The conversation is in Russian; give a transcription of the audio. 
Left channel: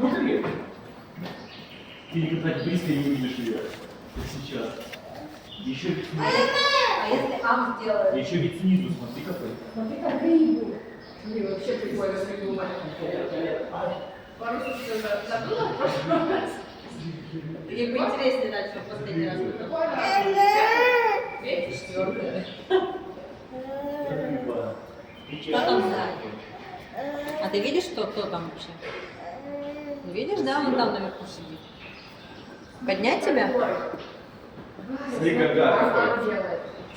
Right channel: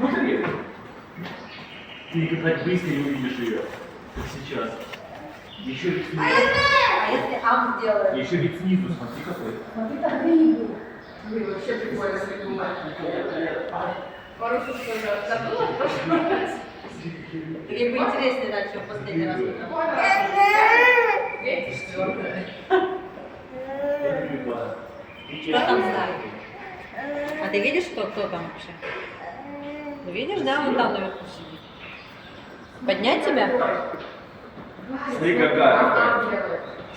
Смотри. Ты так близко не увидишь ее, как сейчас. Еще ведь снизу. А если ам сделает? Еще ведь снизу, смотри какой. Смотри, как рыбу. Блин, вообще прикольно придумать. Пару слов уже забыла в прошлый раз. Или поинтереснее дальше в последний раз. Третий, четвертый. Что там сзади? А ты видишь, кто там вообще? Ну видишь, да, он там наверху сидит. Поднять тебя? Смотри, какая. Что он делает?